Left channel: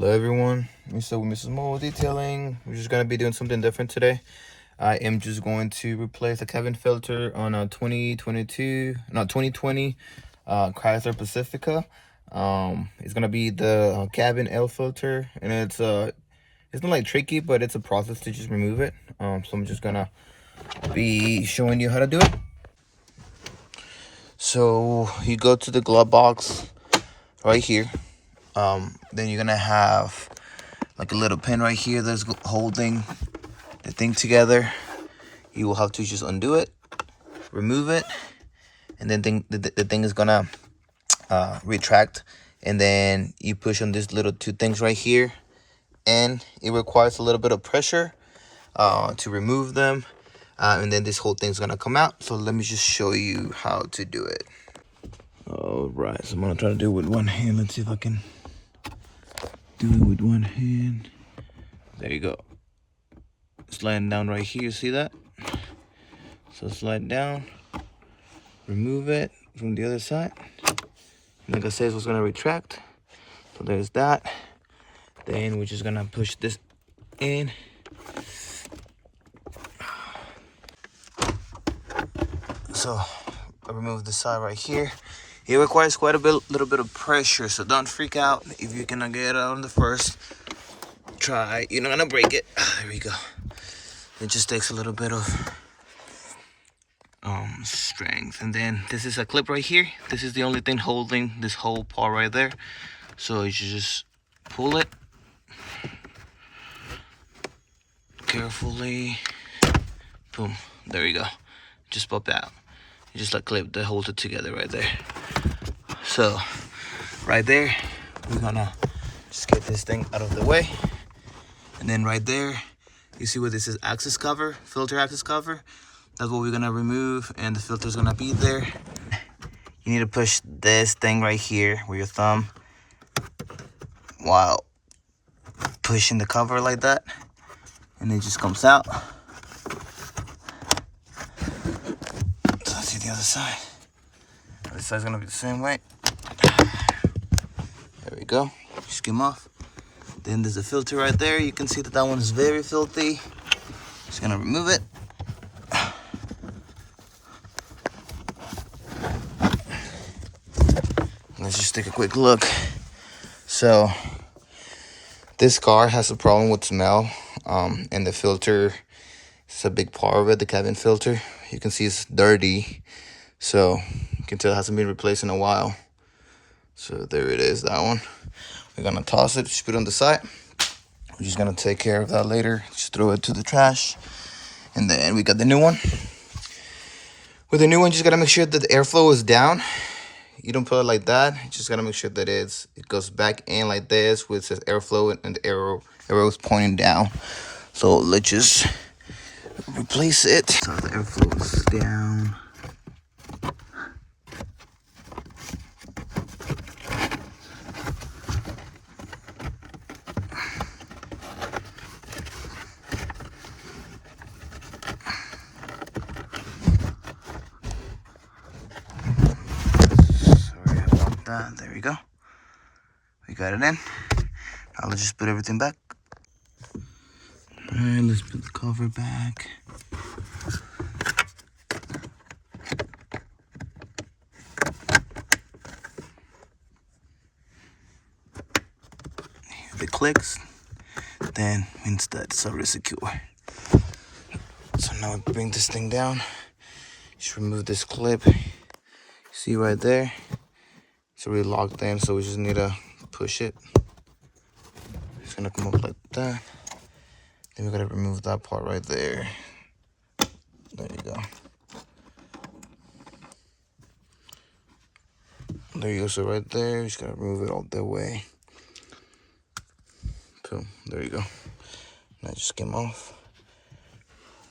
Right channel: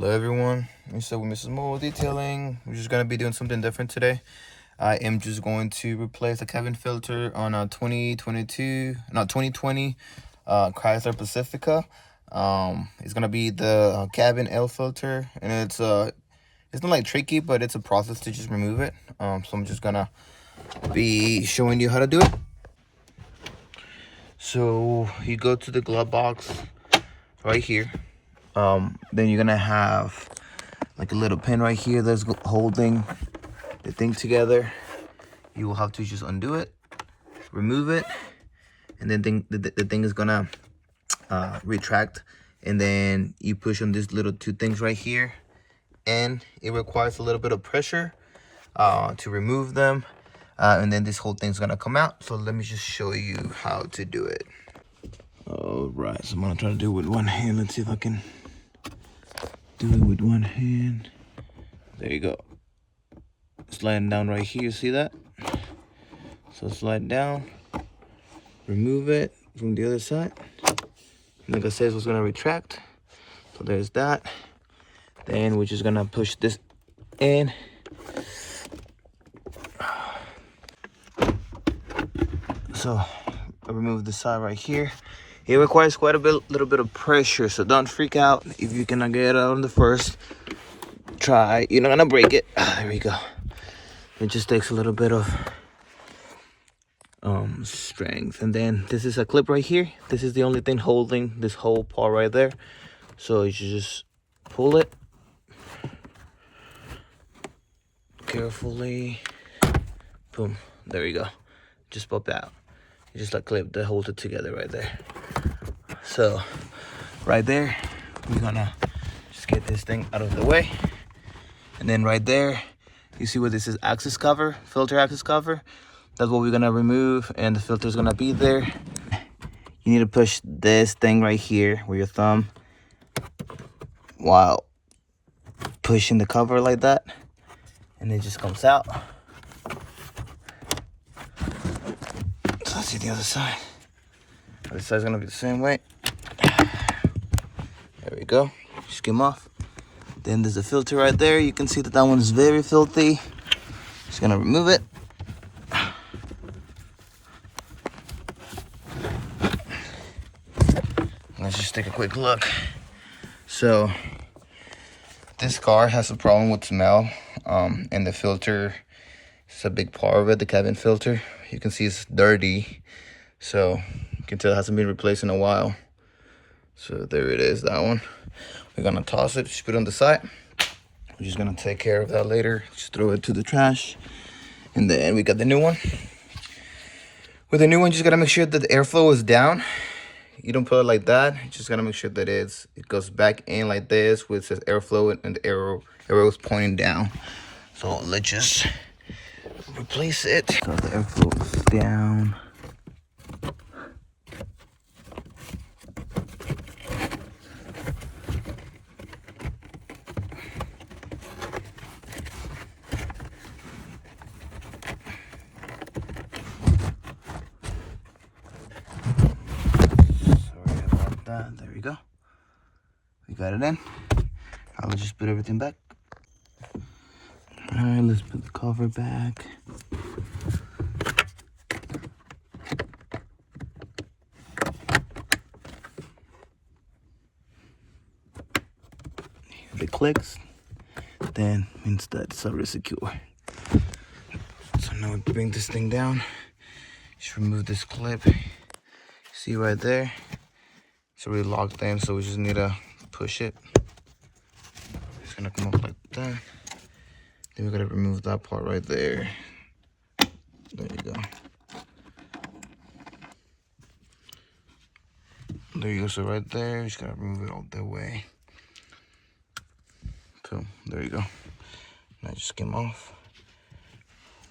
Hello everyone, so Mrs. Mole Detailing. We're just gonna be doing something different today. I am just going to replace the cabin filter on a 2020 Chrysler Pacifica. It's gonna be the cabin air filter, and it's not like tricky, but it's a process to just remove it. So I'm just gonna be showing you how to do it. So you go to the glove box right here. Then you're gonna have like a little pin right here that's holding the thing together. You will have to just undo it, remove it, and then the thing is gonna retract. And then you push on these little two things right here, and it requires a little bit of pressure to remove them. And then this whole thing's gonna come out. So let me just show you how to do it. All right, so I'm gonna try to do it with one hand. Let's see if I can do it with one hand. There you go. Sliding down right here, see that? So slide down, remove it from the other side. And like I said, it's gonna retract. So there's that. Then we're just gonna push this in. So I remove the side right here. It requires quite a little bit of pressure, so don't freak out if you cannot get it out on the first try. You're not gonna break it. There we go. It just takes a little bit of strength. And then this is a clip right here. This is the only thing holding this whole part right there. So you should just pull it carefully. Boom. There you go. Just pop out. You just like clip that holds it together right there. So right there, we're gonna just get this thing out of the way. And then right there, you see where this is access cover, filter access cover. That's what we're gonna remove, and the filter is gonna be there. You need to push this thing right here with your thumb while pushing the cover like that, and it just comes out. So let's see the other side. The other side's gonna be the same way. There we go. Just come off. Then there's a filter right there. You can see that that one is very filthy. Just gonna remove it. Let's just take a quick look. So this car has a problem with smell, and the filter is a big part of it, the cabin filter. You can see it's dirty, so you can tell it hasn't been replaced in a while. So there it is, that one. We're gonna toss it, just put it on the side. We're just gonna take care of that later. Just throw it to the trash. And then we got the new one. With the new one, you just gotta make sure that the airflow is down. You don't put it like that. You just gotta make sure that it goes back in like this, with says airflow, and the arrow is pointing down. So let's just replace it. So the airflow is down. There we go. We got it in. I'll just put everything back. All right, let's put the cover back. If it clicks, then means that it's already secure. So now bring this thing down. Just remove this clip. See right there? It's already locked in, so we just need to push it. It's gonna come up like that. Then we gotta remove that part right there. There you go. There you go. So right there, you just gotta remove it all the way. Cool. There you go. That just came off.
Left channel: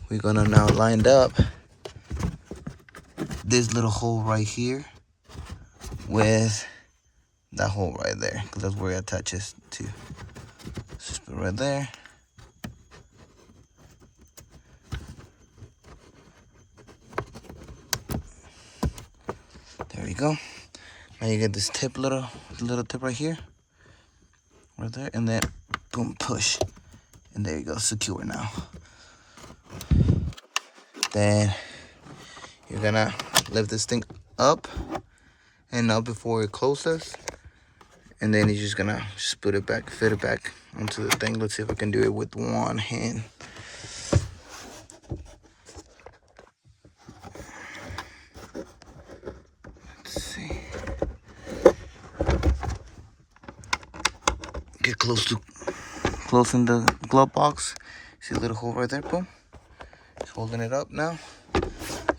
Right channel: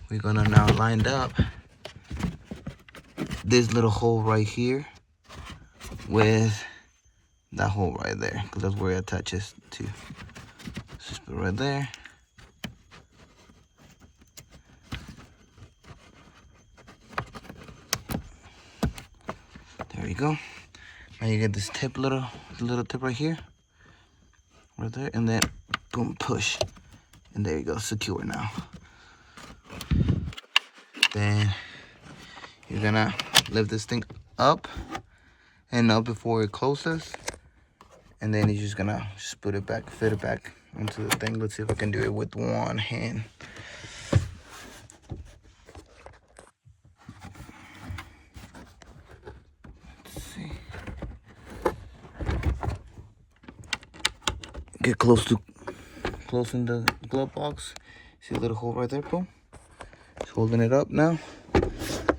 We're gonna now line up this little hole right here with that hole right there, because that's where it attaches to. Just put it right there. There we go. Now you get this tip, little tip right here. right there, and then boom, push, and there you go, secure now. Then you're gonna lift this thing up and up before it closes, and then you're just gonna put it back, fit it back onto the thing. Let's see if I can do it with one hand. Let's see. Get close in the glove box. See a little hole right there, boom. Just holding it up now.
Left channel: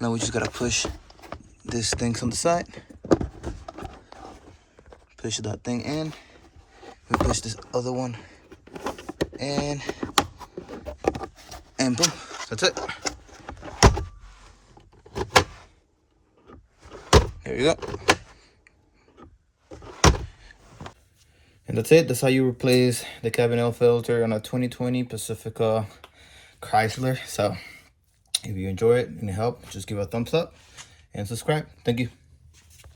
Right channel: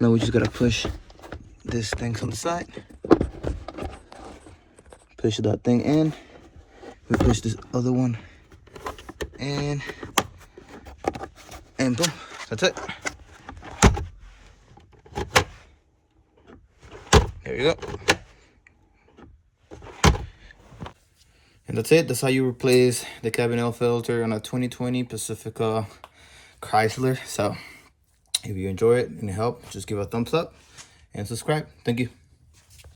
Now we just gotta push this thing on the side. Push that thing in. We push this other one in, and boom, that's it. There you go. And that's it. That's how you replace the cabin air filter on a 2020 Pacifica Chrysler. So if you enjoy it and it helped, just give it a thumbs up and subscribe. Thank you.